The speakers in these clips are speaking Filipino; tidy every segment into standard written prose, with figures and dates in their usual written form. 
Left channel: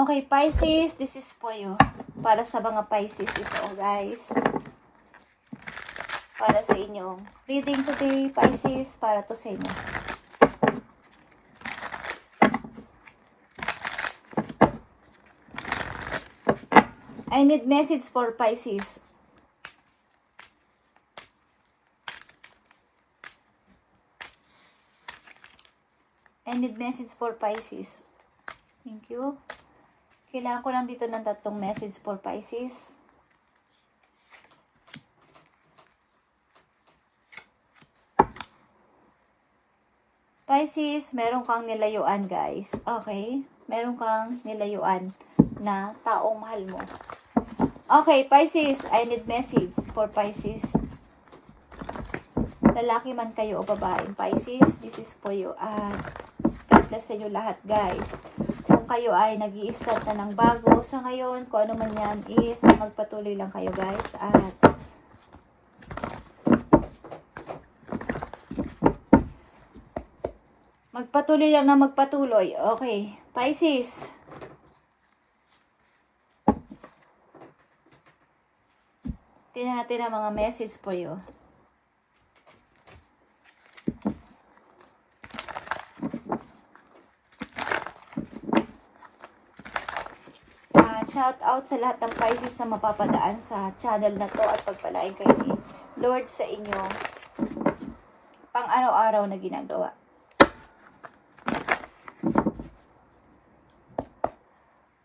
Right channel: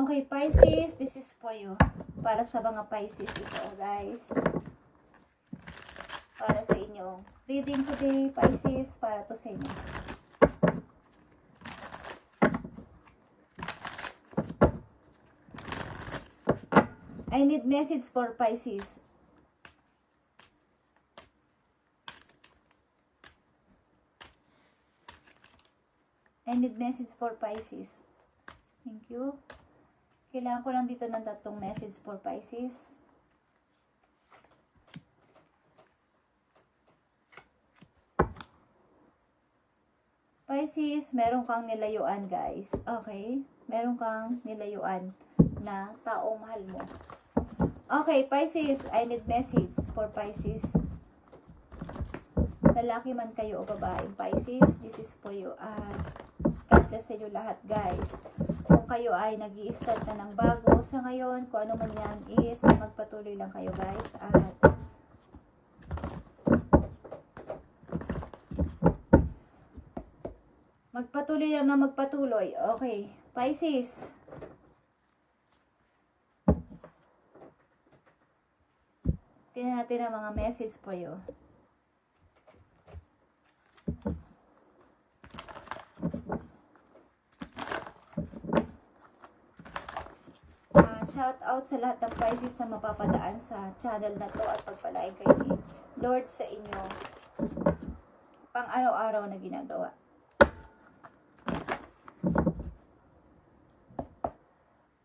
Okay, Pisces, this is for you. Para sa mga Pisces ito, guys. Para sa inyo. Reading today, Pisces, para to sa inyo. I need message for Pisces. I need message for Pisces. Thank you. Kailangan ko lang dito ng 3 message for Pisces. Pisces, meron kang nilayuan, guys. Okay? Meron kang nilayuan na taong mahal mo. Okay, Pisces, I need message for Pisces. Lalaki man kayo o babaeng Pisces, this is for you. God bless sa inyo lahat, guys. Kung kayo ay nag-i-start na ng bago sa ngayon, kung ano man yan is, magpatuloy lang kayo, guys. At magpatuloy lang na magpatuloy. Okay, Pisces. Tingnan natin ang mga message for you. Shout out sa lahat ng Pisces na mapapadaan sa channel na to at pagpalain kayo ni Lord sa inyo pang araw-araw na ginagawa.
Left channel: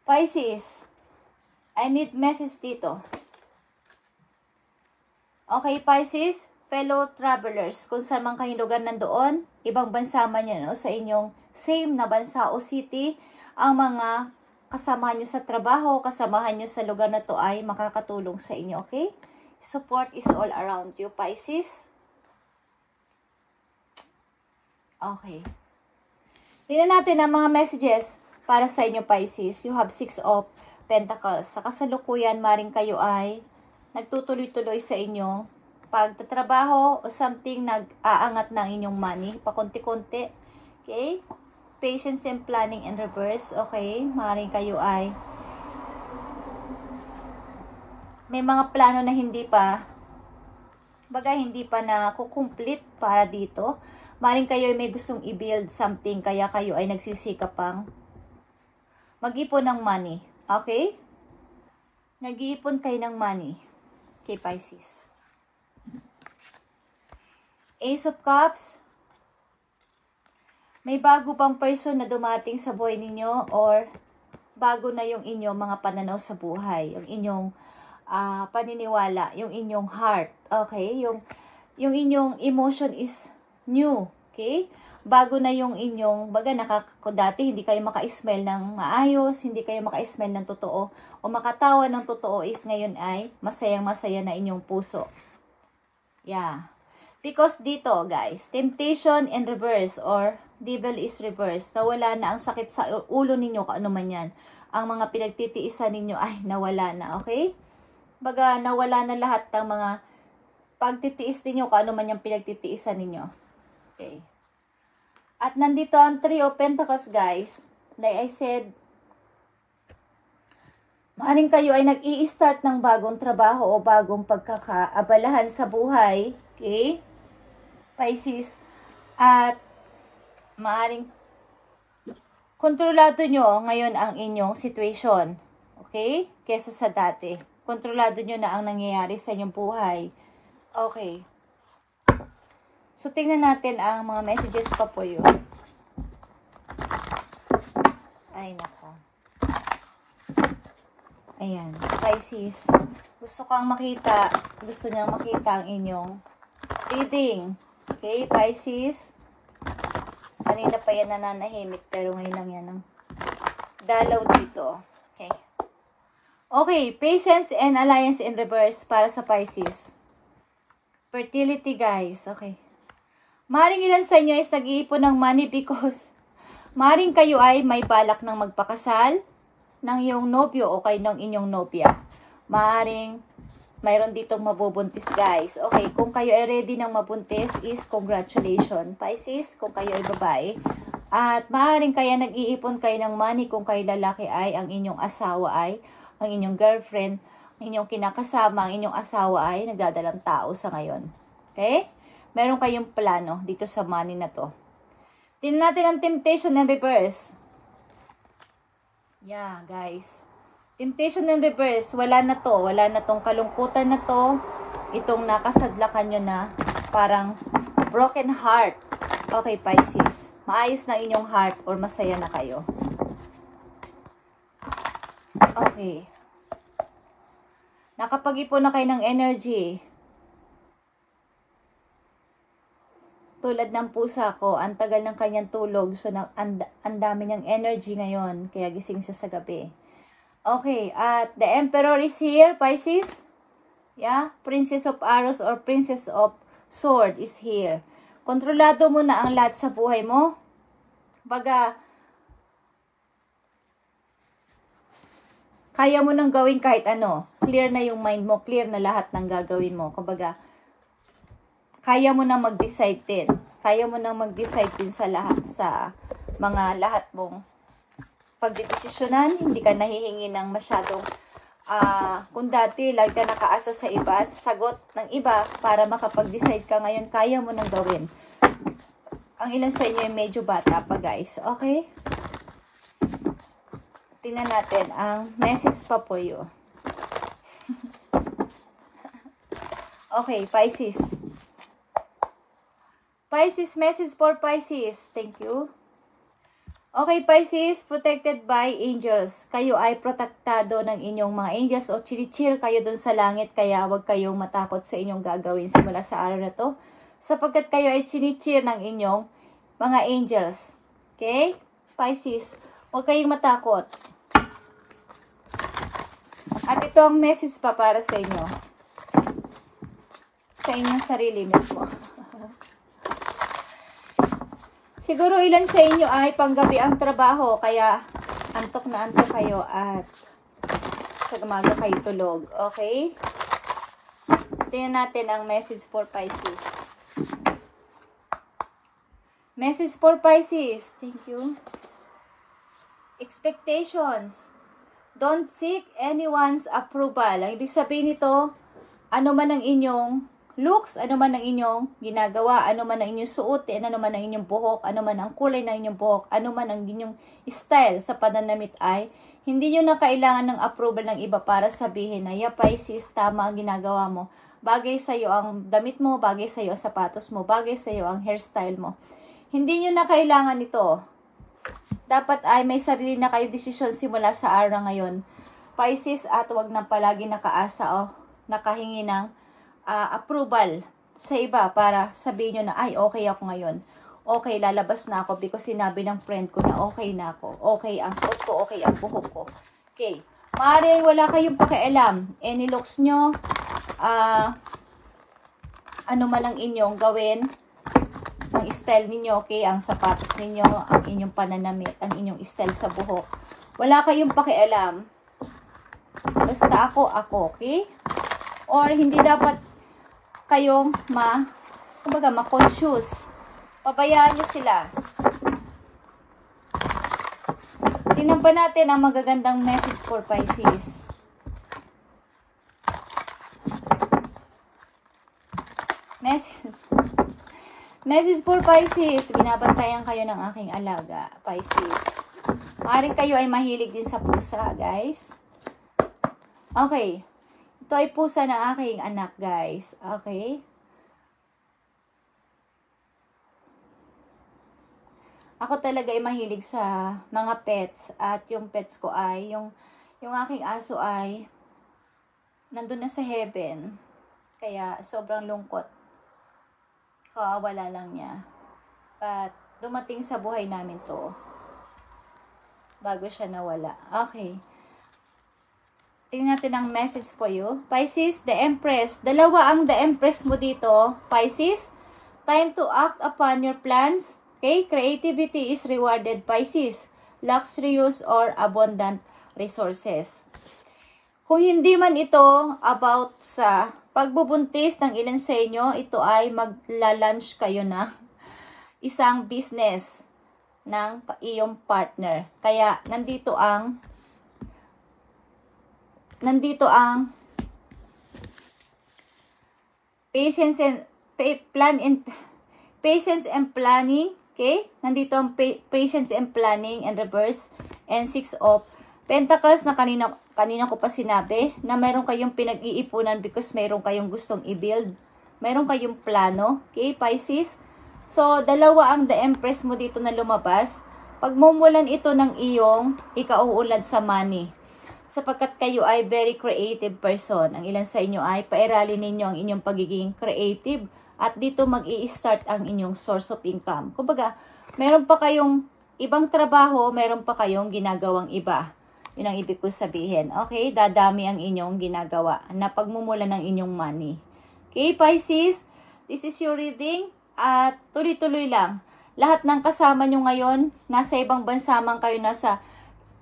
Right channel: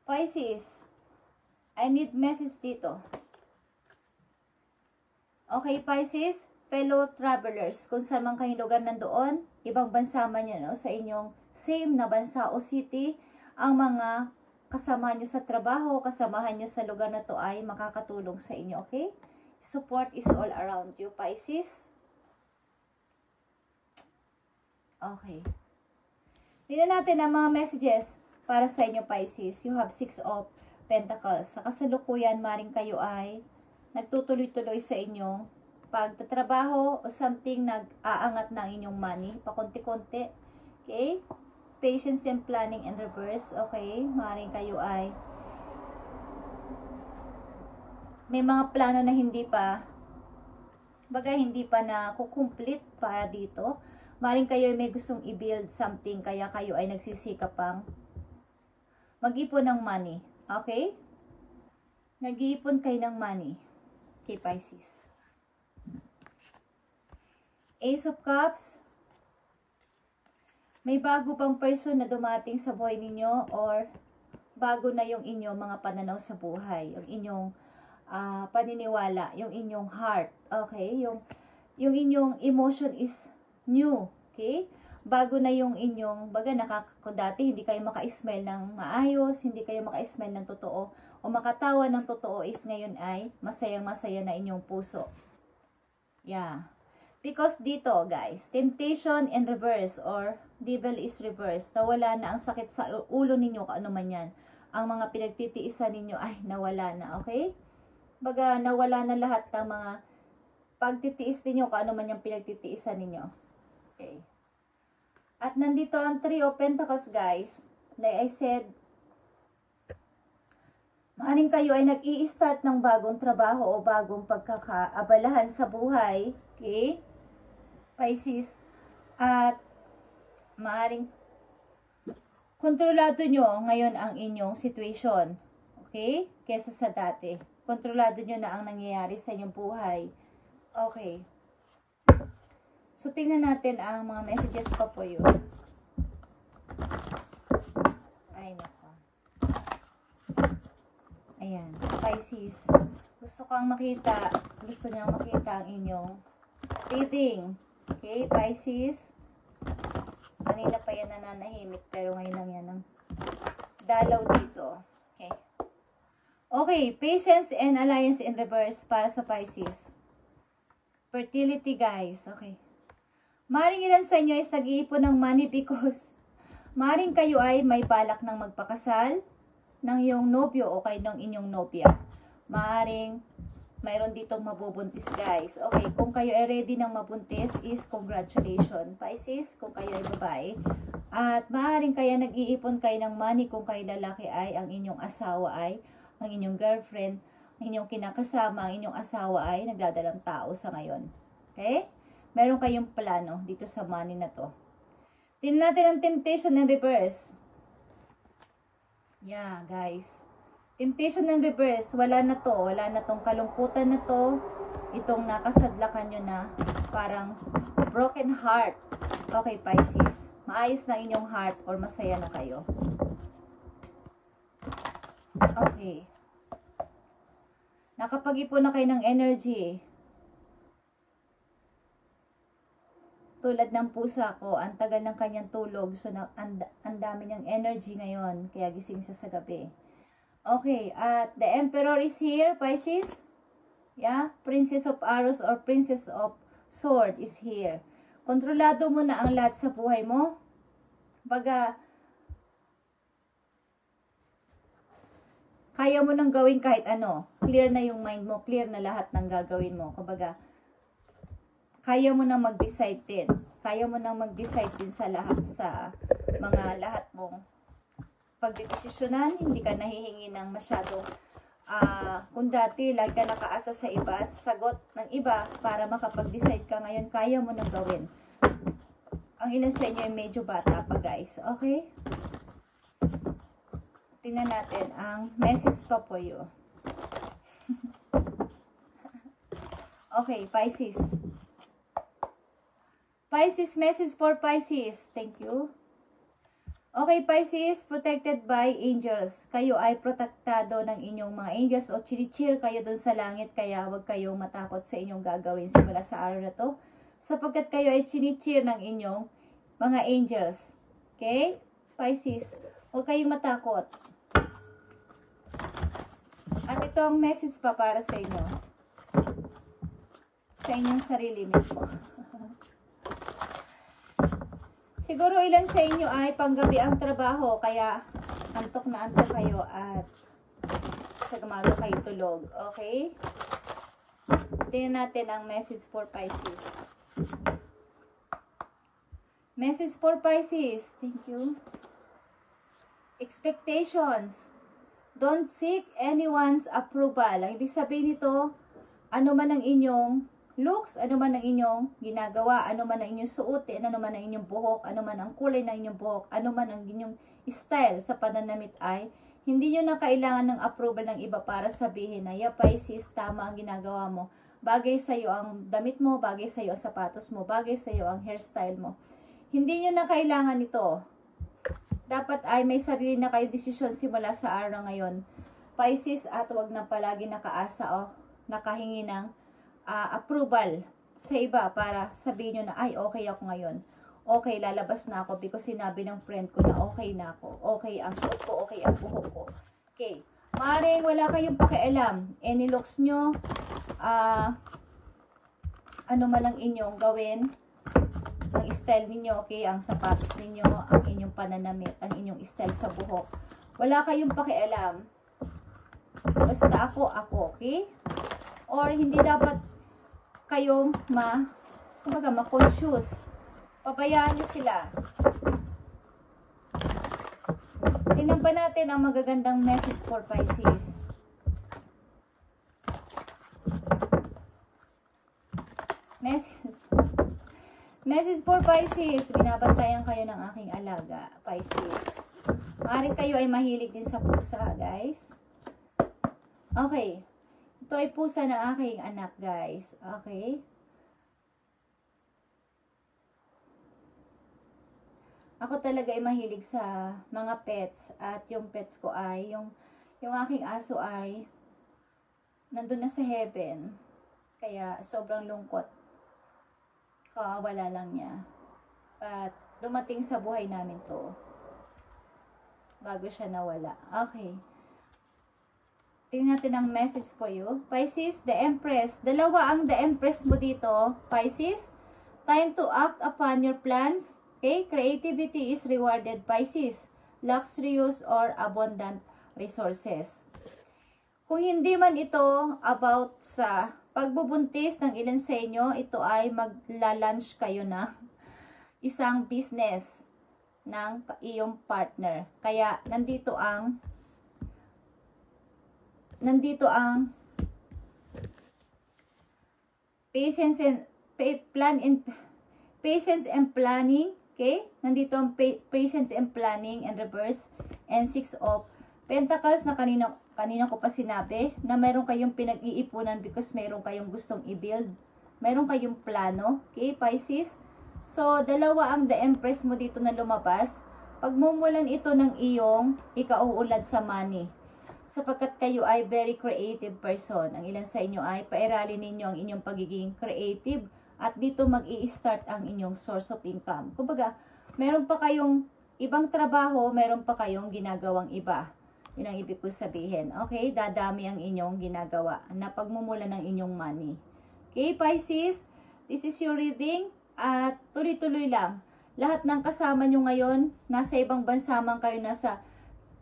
Pisces, I need message dito. Okay, Pisces, fellow travelers, kung saan man kayo lugar nandoon, ibang bansa man yan, o sa inyong same na bansa o city, ang mga kasamahan nyo sa trabaho, kasamahan nyo sa lugar na to ay makakatulong sa inyo, okay? Support is all around you, Pisces. Okay. Tingnan natin ang mga messages para sa inyo, Pisces. You have 6 of Pentacles. Sa kasalukuyan, maring kayo ay nagtutuloy-tuloy sa inyong pagtatrabaho o something nag-aangat ng inyong money, pakunti-kunti. Okay? Patience and planning in reverse. Okay? Maring kayo ay may mga plano na hindi pa na kukumplete para dito. Maring kayo ay may gustong i-build something, kaya kayo ay nagsisikap pang mag-ipon ng money. Okay? Nag-iipon kayo ng money. Okay, Pisces. Ace of Cups. May bago pang person na dumating sa buhay ninyo or bago na yung inyong mga pananaw sa buhay. Yung inyong paniniwala, yung inyong heart. Okay? Yung inyong emotion is new. Okay? Bago na yung inyong, dati hindi kayo maka-smell ng maayos, hindi kayo maka-smell ng totoo, o makatawa ng totoo is ngayon ay masayang-masaya na inyong puso. Yeah. Because dito, guys, temptation in reverse or devil is reverse. Nawala na ang sakit sa ulo ninyo, kung ano man yan. Ang mga pinagtitiisan ninyo ay nawala na, okay? Nawala na lahat ng mga pagtitiis ninyo, kung ano man yung pinagtitiisan ninyo. Okay. At nandito ang 3 of Pentacles, guys. Like I said, maaaring kayo ay nag-i-start ng bagong trabaho o bagong pagkakaabalahan sa buhay. Okay? Pisces. At maaaring kontrolado nyo ngayon ang inyong situation. Okay? Kesa sa dati. Kontrolado nyo na ang nangyayari sa inyong buhay. Okay. So, tingnan natin ang mga messages pa po yun. Ay, nako. Ayan. Pisces. Gusto niyang makita ang inyong reading. Okay, Pisces. Kanina pa yan nananahimik, pero ngayon lang yan ang dalaw dito. Okay. Okay, patience and alliance in reverse para sa Pisces. Fertility, guys. Okay. Maring ilan sa inyo is nag-iipon ng money because maring kayo ay may balak ng magpakasal ng iyong nobyo o kay ng inyong nobya. Maring mayroon ditong mabubuntis, guys. Okay, kung kayo ay ready ng mabuntis is congratulations, Pisces. Kung kayo ay babae, At maaaring kaya nag-iipon kayo ng money kung kayo lalaki ay ang inyong asawa ay, ang inyong girlfriend, ang inyong kinakasama, ang inyong asawa ay nagdadalang tao sa ngayon. Okay? Meron kayong plano dito sa money na to. Tingnan natin ang temptation and reverse. Yeah, guys. Temptation and reverse, wala na to. Wala na tong kalungkutan na to. Itong nakasadlakan nyo na parang broken heart. Okay, Pisces. Maayos na inyong heart or masaya na kayo. Okay. Nakapag-ipon na kayo ng energy. Tulad ng pusa ko, ang tagal ng kanyang tulog. So, ang dami niyang energy ngayon. Kaya gising siya sa gabi. Okay, at the Emperor is here, Pisces. Yeah, Princess of Arrows or Princess of Sword is here. Kontrolado mo na ang lahat sa buhay mo. Baga, kaya mo nang gawin kahit ano. Clear na yung mind mo, clear na lahat ng gagawin mo. Kumbaga, kaya mo na mag-decide din. Kaya mo na mag-decide din sa lahat, sa mga lahat mong pagdedesisyonan. Hindi ka nahihingi ng masyadong, kung dati, lagi ka nakaasa sa iba, sa sagot ng iba, para makapag-decide ka ngayon, kaya mo nang gawin. Ang ilan sa inyo ay medyo bata pa, guys. Okay? Tingnan natin ang message pa po you. Okay, Pisces. Pisces, message for Pisces. Thank you. Okay, Pisces, protected by angels. Kayo ay protektado ng inyong mga angels o chinichir kayo dun sa langit, kaya huwag kayong matakot sa inyong gagawin simula sa araw na to. Sapagkat kayo ay chinichir ng inyong mga angels. Okay? Pisces, huwag kayong matakot. At ito ang message pa para sa inyo. Sa inyong sarili mismo. Siguro ilan sa inyo ay panggabi ang trabaho, kaya antok na antok kayo at sa umaga kayo tulog. Okay? Tingnan natin ang message for Pisces. Message for Pisces. Thank you. Expectations. Don't seek anyone's approval. Ang ibig sabihin nito, ano man ang inyong looks, ano man ang inyong ginagawa, ano man ang inyong suotin, ano man ang inyong buhok, ano man ang kulay ng inyong buhok, ano man ang inyong style sa pananamit ay, hindi nyo na kailangan ng approval ng iba para sabihin na, yeah, Pisces, tama ang ginagawa mo. Bagay sa'yo ang damit mo, bagay sa'yo ang sapatos mo, bagay sa'yo ang hairstyle mo. Hindi nyo na kailangan ito. Dapat ay may sarili na kayo desisyon simula sa araw na ngayon. Pisces, at huwag na palagi nakaasa o nakahingi ng approval sa iba para sabihin nyo na, ay, okay ako ngayon. Okay, lalabas na ako because sinabi ng friend ko na okay na ako. Okay ang suot ko, okay ang buhok ko. Okay. Maaaring wala kayong pakialam. Any looks nyo, ano man ang inyong gawin, ang style ninyo, okay, ang sapatos ninyo, ang inyong pananamit, ang inyong style sa buhok. Wala kayong pakialam. Basta ako, okay? Or hindi dapat kayong ma-conscious. Pabayaan nyo sila. Tingnan pa natin ang magagandang message for Pisces. Message for Pisces. Binabantayan kayo ng aking alaga, Pisces. Maaaring kayo ay mahilig din sa pusa, guys. Okay. Ito ay pusa ng aking anak, guys. Okay? Ako talaga ay mahilig sa mga pets. At yung pets ko ay, yung aking aso ay nandun na sa heaven. Kaya sobrang lungkot. Kawawala lang niya. At dumating sa buhay namin to. Bago siya nawala. Okay. Tingnan natin ang message for you. Pisces, the Empress. Dalawa ang the Empress mo dito. Pisces, time to act upon your plans. Okay? Creativity is rewarded, Pisces. Luxurious or abundant resources. Kung hindi man ito about sa pagbubuntis ng ilan sa inyo, ito ay magla-launch kayo na isang business. ng iyong partner. Kaya nandito ang patience and planning. Okay? Nandito ang patience and planning and reverse. And 6 of Pentacles na kanina ko pa sinabi na meron kayong pinag-iipunan because meron kayong gustong i-build. Meron kayong plano. Okay, Pisces? So, dalawa ang the Empress mo dito na lumabas. Pagmumulan ito ng iyong ikauulad sa money. Sapagkat kayo ay very creative person. Ang ilan sa inyo ay pairalin ninyo ang inyong pagiging creative. At dito mag-i-start ang inyong source of income. Kumbaga, meron pa kayong ibang trabaho, meron pa kayong ginagawang iba. Yun ang ibig ko sabihin. Okay? Dadami ang inyong ginagawa na pagmumula ng inyong money. Okay, Pisces? This is your reading. At tuloy-tuloy lang. Lahat ng kasama nyo ngayon, nasa ibang bansa man kayo, nasa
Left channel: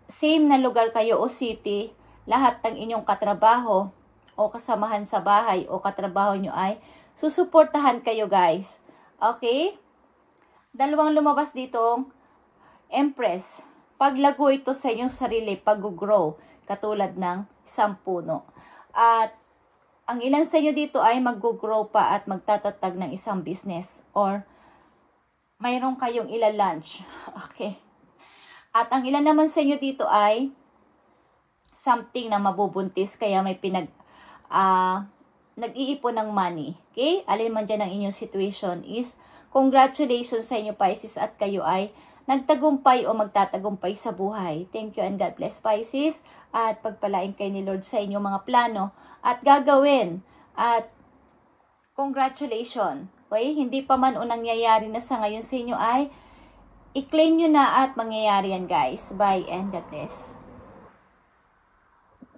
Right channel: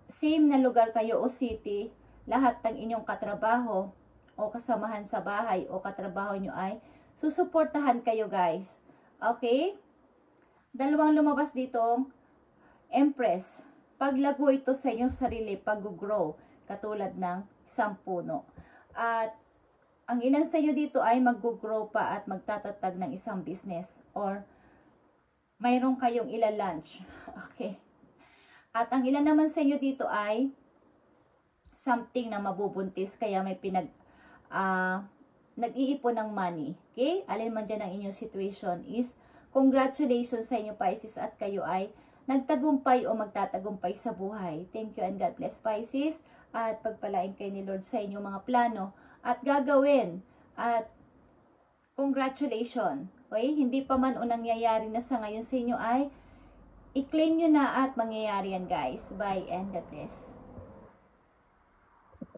same na lugar kayo o city, lahat ng inyong katrabaho o kasamahan sa bahay o katrabaho nyo ay susuportahan kayo, guys. Okay? Dalawang lumabas ditong Empress. Paglago ito sa inyong sarili, pag-grow, katulad ng isang puno. At ang ilan sa inyo dito ay mag-grow pa at magtatatag ng isang business or mayroon kayong ila-launch. Okay. At ang ilan naman sa inyo dito ay something na mabubuntis kaya may nag-iipon ng money. Okay? Alin man dyan ang inyong situation is congratulations sa inyo, Pisces, at kayo ay nagtagumpay o magtatagumpay sa buhay. Thank you and God bless, Pisces. At pagpalain kayo ni Lord sa inyong mga plano at gagawin. At congratulations. Okay? Hindi pa man o nangyayari na sa ngayon sa inyo ay i-claim nyo na at mangyayari yan, guys. Bye and God bless.